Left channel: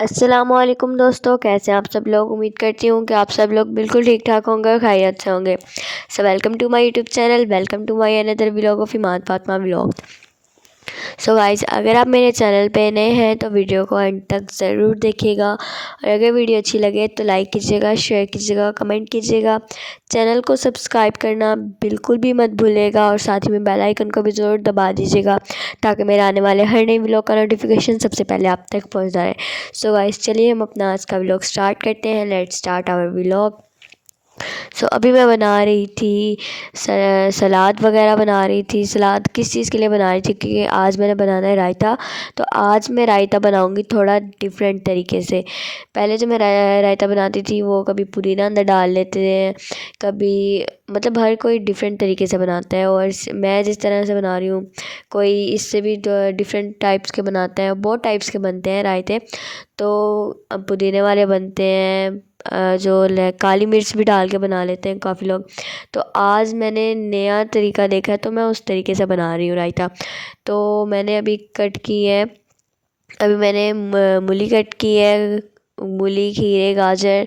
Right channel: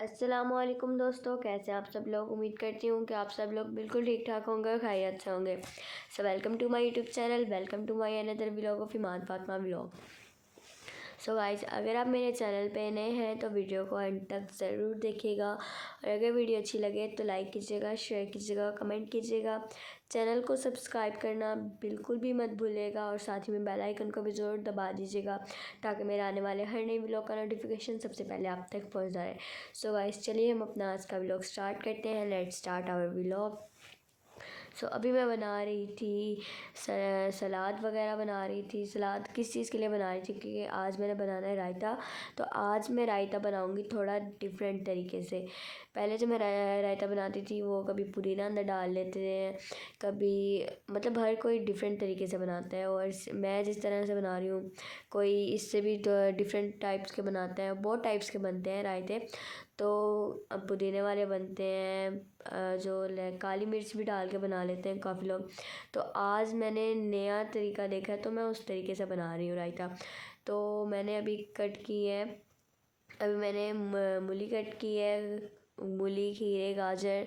السلام علیکم دوستوں، کیسے ہیں آپ سب لوگ؟ امید کرتی ہوں کہ آپ سب لوگ بالکل ٹھیک ٹھاک ہوں گے اور خیریت سے ہوں گے۔ So welcome to my YouTube channel, welcome to my اندر vlog of Iman Fatima vlog. So guys, اگر آپ میرے چینل پہ نئے ہیں تو ویڈیو کو اینڈ تک ضرور دیکھیے گا، اور اگر ویڈیو اچھی لگے تو لائک کیجیے گا، شیئر کیجیے گا، کمنٹ کیجیے گا، چینل کو سبسکرائب کرنا بالکل بھی مت بھولے گا، اور ساتھ ہی میں بیل آئیکن کو بھی ضرور دبا دیجیے گا تاکہ میرے آنے والے ہر نئی ولاگ کا نوٹیفیکیشن سب سے پہلے آپ تک پہنچ جائے۔ سو گائز، چلیے ہم اپنا آج کا ولاگ سٹارٹ کرتے ہیں۔ Let's start our vlog. So ابھی میں بنا رہی تھی سلاد وغیرہ بنا رہی تھی۔ سلاد کس چیز کے لیے بنا رہی تھی؟ کیونکہ آج میں نے بنانا ہے رائتا، تو آج میں رائتا بناؤں گی تھوڑا ڈیفرنٹ طریقے سے۔ پہلے جو میں رائتا بناتی تھی وہ کبھی پودینہ اندر ڈال لیتے ہیں، کبھی مطلب ہر کوئی ڈیفرنٹ طریقے سے بناتا ہے، اور میں جس طرح سے بنا رہی ہوں کوئی اس سے بھی ڈیفرنٹ ٹائپس کے بناتا ہے، بہت ٹائپس کے بنتے ہیں رائتے۔ تو پودینے والے بنتے ہیں، جو کالی مرچ بھی ڈال کے بنا لیتے ہیں کافی لوگ۔ تو آج میں نے نیا طریقہ دیکھا ہے تو میں اس طریقے سے بنا رہی ہوں رائتا۔ تو میں نے ابھی کٹ کی ہے، ابھی میں نے مولی کٹ کی ہے، مولی، کھیرے، گاجر،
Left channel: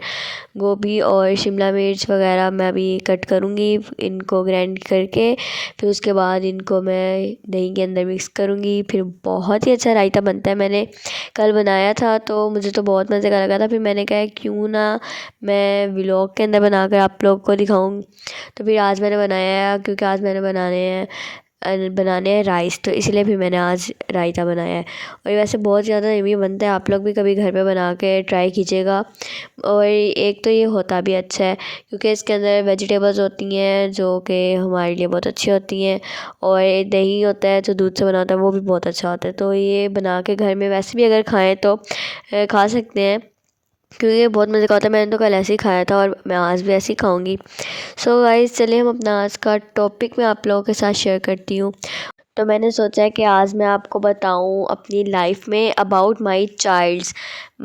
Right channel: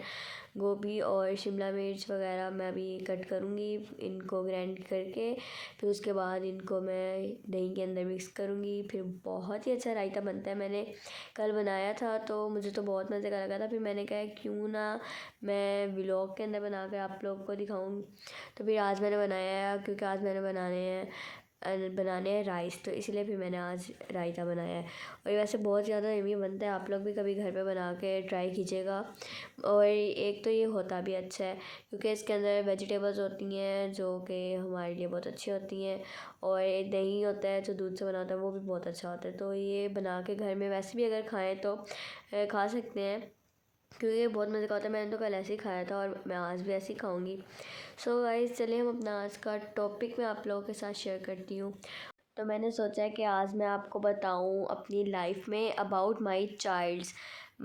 گوبھی اور شملہ مرچ وغیرہ میں ابھی کٹ کروں گی، ان کو گرائنڈ کر کے پھر اس کے بعد ان کو میں دہی کے اندر مکس کروں گی، پھر بہت ہی اچھا رائتا بنتا ہے۔ میں نے کل بنایا تھا تو مجھے تو بہت مزے کا لگا تھا، پھر میں نے کہا کیوں نہ میں ولاگ کے اندر بنا کر آپ لوگ کو دکھاؤں، تو پھر آج میں نے بنایا ہے، کیونکہ آج میں نے بنانے ہیں رائس، تو اس لیے پھر میں نے آج رائتا بنایا ہے۔ اور یہ ویسے بہت زیادہ یمی بنتا ہے، آپ لوگ بھی کبھی گھر پہ بنا کے ٹرائی کیجیے گا۔ اور ایک تو یہ ہوتا بھی اچھا ہے کیونکہ اس کے اندر ویجیٹیبلز ہوتی ہیں جو کہ ہمارے لیے بہت اچھی ہوتی ہیں، اور دہی ہوتا ہے جو دودھ سے بنا ہوتا ہے وہ بھی بہت اچھا ہوتا ہے۔ تو یہ بنا کے گھر میں ویسے بھی اگر کھائیں تو کھا سکتے ہیں، کیونکہ یہ بہت مزے کا ہوتا ہے۔ میں نے تو کل ایسے ہی کھایا تھا اور میں آج بھی ایسے ہی کھاؤں گی۔ سو گائز، چلیے ہم اپنا آج کا ٹاپک میں آپ لوگوں کے ساتھ شیئر کرتی ہوں۔ تو میں نے سوچا کہ آج میں آپ کو بتاؤں اپنی لائف میں اباؤٹ مائی چائلڈس،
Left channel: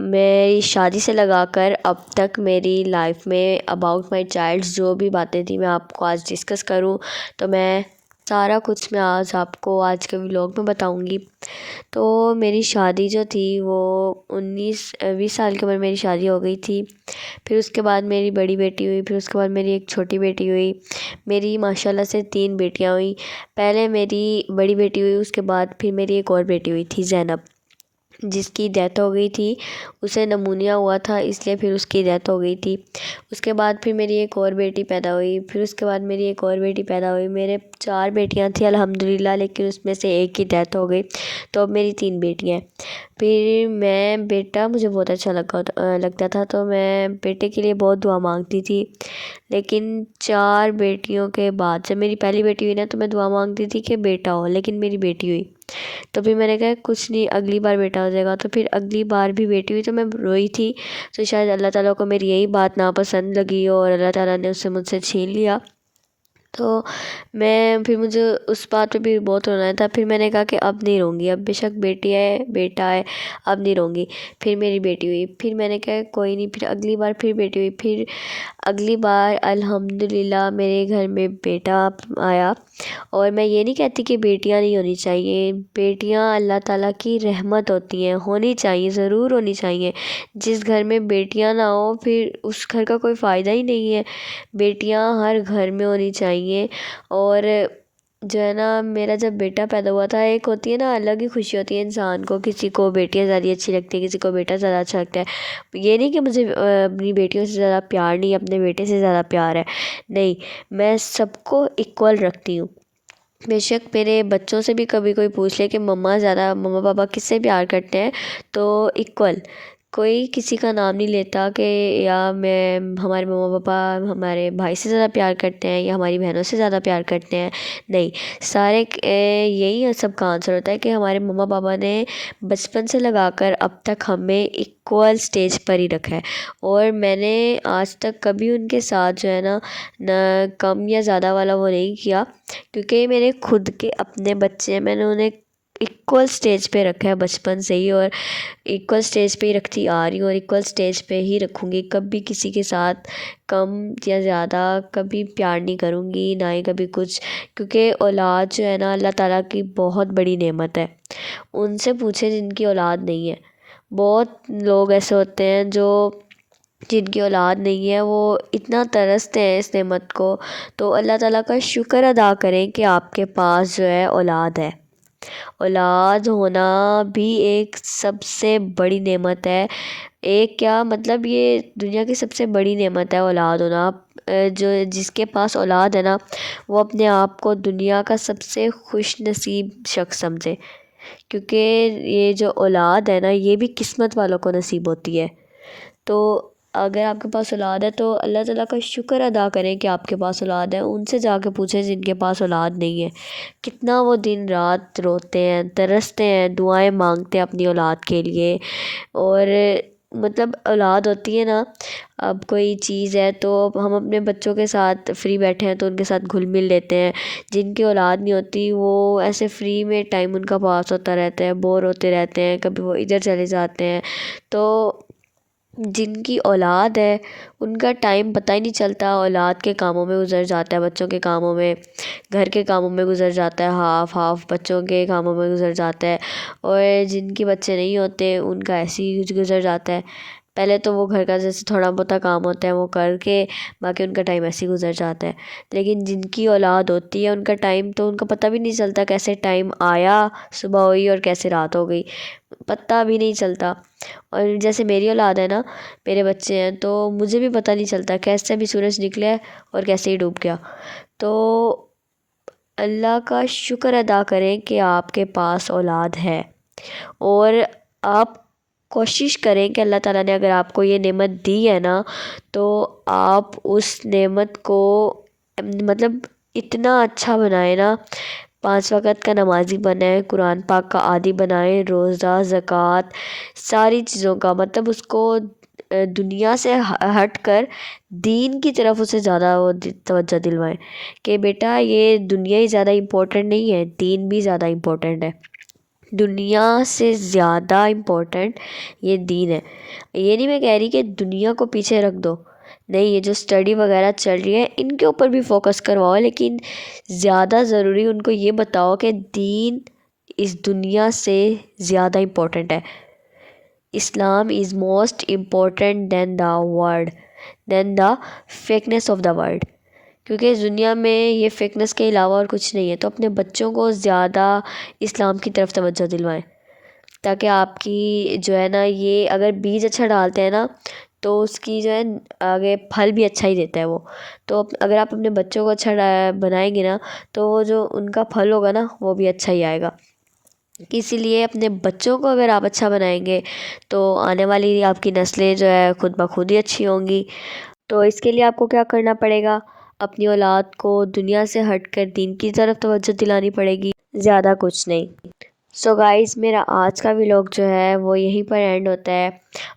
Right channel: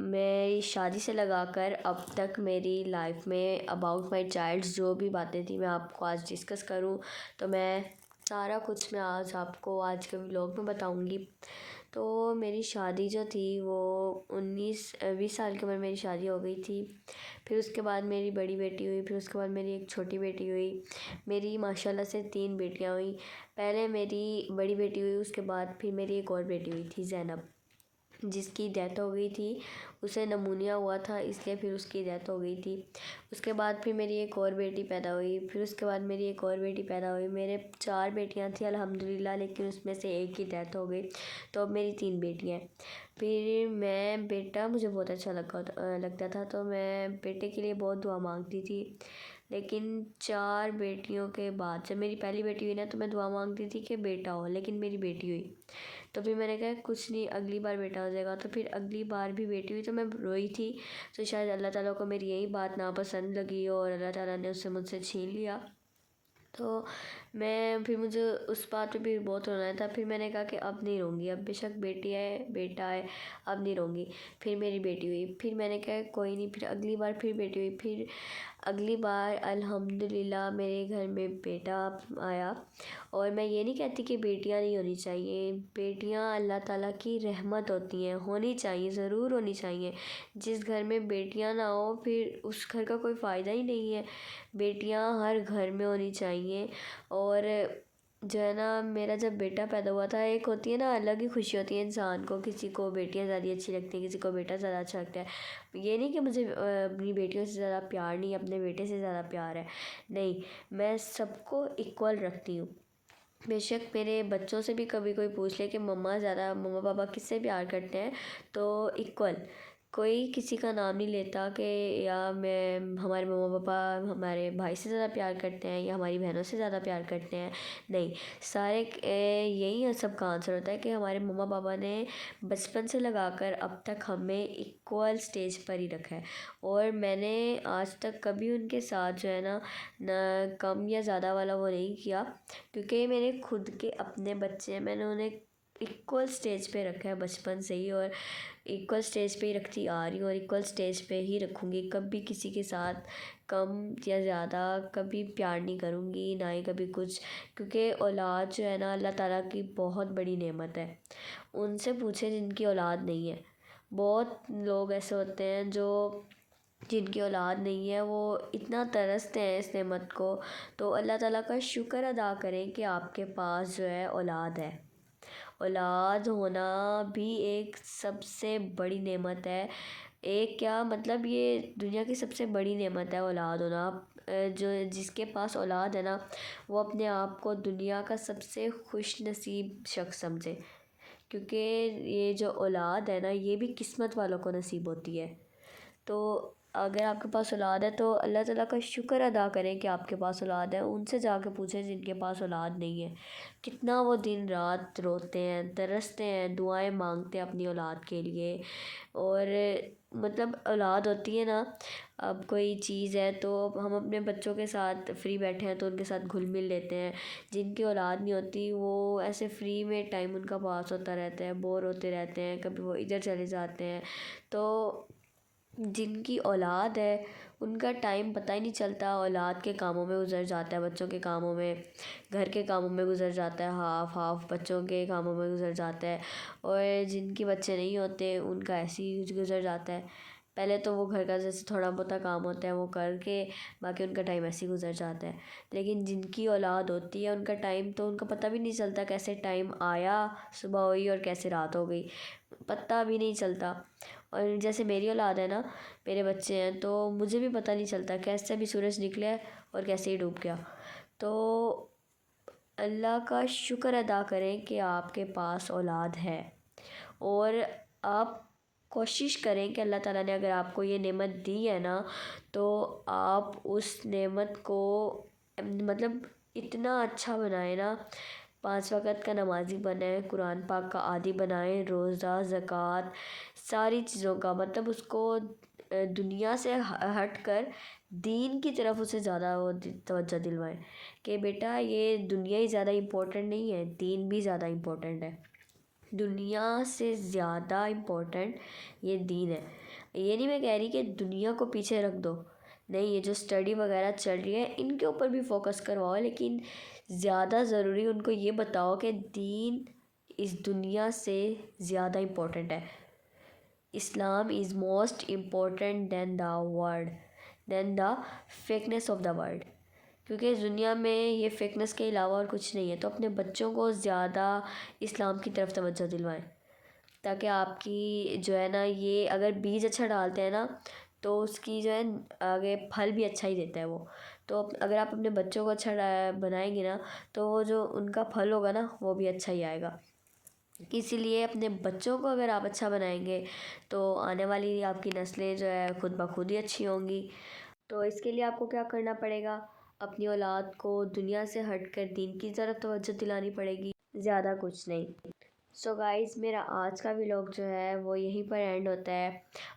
میری شادی سے لگا کر اب تک میری لائف میں اباؤٹ مائی چائلڈس جو بھی باتیں تھیں میں آپ کو آج ڈسکس کروں، تو میں سارا کچھ میں آج آپ کو آج کے ولاگ میں بتاؤں گی۔ تو میری شادی جو تھی وہ 20 سال کی عمر میں میری شادی ہو گئی تھی۔ پھر اس کے بعد میری بڑی بیٹی ہوئی، پھر اس کے بعد میری ایک چھوٹی بیٹی ہوئی، میری ماشاءاللہ سے 3 بیٹیاں ہوئیں۔ پہلے میری بڑی بیٹی ہوئی، اس کے بعد پھر میری ایک اور بیٹی ہوئی تھی زینب، جس کی ڈیتھ ہو گئی تھی، اسے نمونیا ہوا تھا اس لیے پھر اس کی ڈیتھ ہو گئی تھی۔ اس کے بعد پھر میری ایک اور بیٹی پیدا ہوئی، پھر اس کے بعد میری ایک اور بیٹی پیدا ہوئی۔ میرے 4 بیٹیاں تھیں الحمدللہ، لیکن اس میں سے ایک کی ڈیتھ ہو گئی، تو اب میری 3 بیٹیاں ہیں۔ پھر میں بیٹا مجھے بہت اچھا لگتا تھا، تو میں بیٹے کے لیے بہت دعا مانگتی تھی، لیکن 4 بیٹیوں کے بعد جب میری پہلی بیٹی ہوئی نا تو میں دعا مانگتی تھی کہ بیٹا ہو، لیکن میری بیٹی ہوئی تو پھر میں نے کہا کچھ نہیں، اگلی بار بیٹا ہو جائے گا، تو پھر اگلی بار بھی بیٹی ہوئی تو میں روئی تھی۔ تو شاید اللہ تعالیٰ کو میری یہی بات ناپسند لگی اور اللہ تعالیٰ نے اسے مجھ سے چھین لیا۔ تو پھر مجھے اس بات پہ بھی بہت رونا تھا۔ پھر میں نے کہا کہ اب نہیں روں گی، اب بے شک بیٹی ہے بیٹا ہے، اب نہیں روں گی۔ پھر میری بیٹی ہوئی، پھر میں نے کہا کوئی نہیں، پھر اگلی بار پھر بیٹی ہوئی، پھر اگلی بار الحمدللہ میرے گھر میں بیٹا آیا۔ اور میں یہ نہیں کہتی کہ بیٹیاں نہیں ہونی چاہیے، بیٹیاں اللہ تعالیٰ کی رحمت ہوتی ہیں، ہونی چاہیے، ضرور ہونی چاہیے۔ جس گھر میں بیٹیاں نہ ہوں پھر اس گھر کا کوئی فائدہ ہی نہیں ہے۔ بیٹیاں ہر گھر میں ہونی چاہیے۔ اور جو ہے نا، میرا جب بیٹا پیدا ہوا تھا، ایک ہوتی ہے نا الگ ہی خوشی ہوتی ہے انسان کو، کسی کو بیٹیاں زیادہ اچھی لگتی ہیں، کسی کو بیٹا زیادہ اچھا لگتا ہے۔ یہ نہیں کہ مجھے اپنی بیٹیوں سے زیادہ پیار نہیں، اپنے بیٹے سے زیادہ پیار ہے، نہیں، میں سب کو ایکول رکھتی ہوں۔ بے شک میرے بچوں سے بھی کبھی کوئی پوچھ لے کہ مما پاپا کس سے پیار کرتے ہیں، تو ایکول، کوئی کسی کا نام نہیں لیتا کہ یا ہمارے مما پاپا ہمارے بھائی سے زیادہ پیار کرتے ہیں یا ہماری بہنوں سے زیادہ پیار کرتے ہیں، نہیں، سارے یہی سب کا آنسر ہوتا ہے کہ ہمارے مما پاپا نے بچپن سے لگا کر اب تک ہمیں ایکول سٹیج پر ہی رکھا ہے، اور میں نے آج تک کبھی ان کے ساتھ جو ہے نا نہ کم یا زیادہ والا وہ نہیں کیا، کیونکہ میرے خود کے اپنے بچے ہیں، میں نے انہیں ایکول سٹیج پہ رکھا ہے بچپن سے ہی، اور ایکول سٹیج پہ ہی رکھتی آ رہی ہوں، اور ایکول سٹیج پہ ہی رکھوں گی۔ کبھی کسی کے ساتھ کم یا زیادہ کبھی پیار نہیں کروں گی، نہ ہی کبھی کچھ، کیونکہ اولاد جو ہے نا اللہ تعالیٰ کی بہت بڑی نعمت ہے۔ ان سے پوچھیں جن کی اولاد نہیں ہے، بہت لوگ ایسے ہوتے ہیں جو جن کی اولاد نہیں ہے، وہ اتنا ترستے ہیں اس نعمت کو. تو اللہ تعالیٰ کا شکر ادا کریں کہ آپ کے پاس جو ہے اولاد ہے. اولاد ہونا بھی ایک سب سے بڑی نعمت ہے. ایک کیا مطلب، یہ دنیا کی سب سے بڑی نعمت ہے اولاد ہونا. جو جس کے پاس اولاد ہے نا، وہ اپنے آپ کو دنیا کا سب سے خوش نصیب شخص سمجھے، کیونکہ یہ جو اولاد ہے نا، یہ بھی قسمت والوں کو نصیب ہوتی ہے. تو اگر آپ کے پاس اولاد ہے تو اللہ تعالیٰ کا شکر ادا کریں کہ آپ کے پاس اولاد ہے. ان سے جا کے پوچھیں جن کے پاس اولاد نہیں ہے، کتنا وہ دن رات روتے ہیں، ترستے ہیں، دعائیں مانگتے ہیں اپنی اولاد کے لیے. اور مطلب اولاد ہوتی ہے نا، اب کوئی چیز ہے تو ہم اپنے بچوں کے ساتھ فری بیٹھے ہیں تو ان کے ساتھ گھل مل لیتے ہیں. جن کی اولاد نہیں ہوتی وہ ایسے فری میں ٹائم ان کا پاس ہوتا رہتا ہے، بور ہوتے رہتے ہیں، کبھی وہ ادھر چلے جاتے ہیں. تو جن کی اولاد ہے ان کا ٹائم پتہ ہی نہیں چلتا، اولاد کے کاموں میں گزر جاتا ہے، بچوں کے کاموں میں، گھر کے کاموں میں گزر جاتا ہے، ہاف ہاف بچوں کے کاموں میں گزر جاتا ہے. اور جن کے بچے نہیں ہوتے ان کا ایسے ہی کچھ گزر جاتا ہے. پہلے تو وہ گھر کا جیسے تھوڑا بہت کام ہوتا ہے وہ کر کے باقی ان کا ٹائم ایسے ہی گزر جاتا ہے. لیکن جن کی اولاد ہوتی ہے ان کا ٹائم تو ان کو پتہ بھی نہیں چلتا، کیسے ٹائم آیا، صبح ہوئی اور کیسے رات ہو گئی، پتہ بھی نہیں چلتا. اور جیسے میری اولاد ہے نا، میرے بچے ہیں، تو مجھے بھی پتہ نہیں چلتا کیسے بھی سورج نکلے اور کیسے ہی ڈوب گیا. تو اللہ کا شکر ادا کریں کہ آپ کے پاس اولاد ہے، اور آپ کوشش کریں کہ اللہ تعالیٰ نے اگر آپ کو یہ نعمت دی ہے نا، تو آپ اس نعمت کو مطلب اتنا اچھا بنائیں نا. 5 وقت کا نمازی بنائیں، قرآن پاک کا عادی بنائیں، روزہ، زکوٰۃ، ساری چیزوں کا مطلب اس کو دنیا سے ہٹ کر دین کی طرف اسے زیادہ وہ توجہ دلوائیں کہ بیٹا یہ دنیا ہی زیادہ امپورٹنٹ نہیں ہے، دین بھی زیادہ امپورٹنٹ ہے. دنیا سے زیادہ امپورٹنٹ یہ دین ہے. یہ نہیں میں کہہ رہی کہ دنیا کو پیچھے رکھ دو، نہیں، یہ جو اسٹڈی وغیرہ چل رہی ہے ان کے اوپر بھی فوکس کرواؤ، لیکن زیادہ ضروری ان کو یہ بتاؤ کہ دین اس دنیا سے زیادہ امپورٹنٹ ہے. Islam is most important than the fakeness of the world. کیونکہ اس دنیا میں یہ فیکنیس کے علاوہ اور کچھ نہیں ہے. تو اپنے بچوں کو زیادہ اسلام کی طرف توجہ دلوائیں، تاکہ آپ کی جو ہے نا، یہ اگر بیج اچھا ڈالتے ہیں نا تو اس کی جو ہے آگے پھل بھی اچھا ہی دیتا ہے وہ. تو اگر آپ اپنے بچوں کو اچھا بنائیں گے نا، تو وہ جو ان کا پھل ہوگا نا وہ بھی اچھا ہی آئے گا. اسی لیے اپنے بچوں کو اگر آپ اچھا بنائیں گے تو آنے والی آپ کی نسلیں جو ہے خود بخود ہی اچھی ہوں گی. تو اس کے لیے آپ کو کیا کرنا پڑے گا، اپنی اولاد کو دنیا سے ہٹ کر دین کی طرف توجہ دلانی پڑے گی، زیادہ کچھ نہیں. سو گائز، میرا آج کا ولاگ جو ہے وہ یہیں پر اینڈ ہوتا ہے.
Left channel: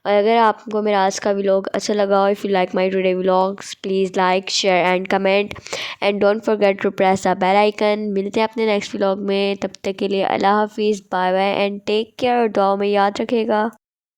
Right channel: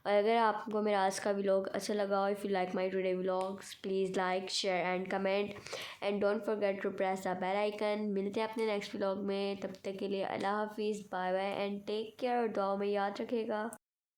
اور اگر آپ کو میرا آج کا ولاگ اچھا لگا، if you like my today vlogs, please like, share and comment, and don't forget to press the bell icon. ملتے ہیں اپنے نیکسٹ ولاگ میں، تب تک کے لیے اللہ حافظ، bye bye and take care. دعاؤں میں یاد رکھے گا.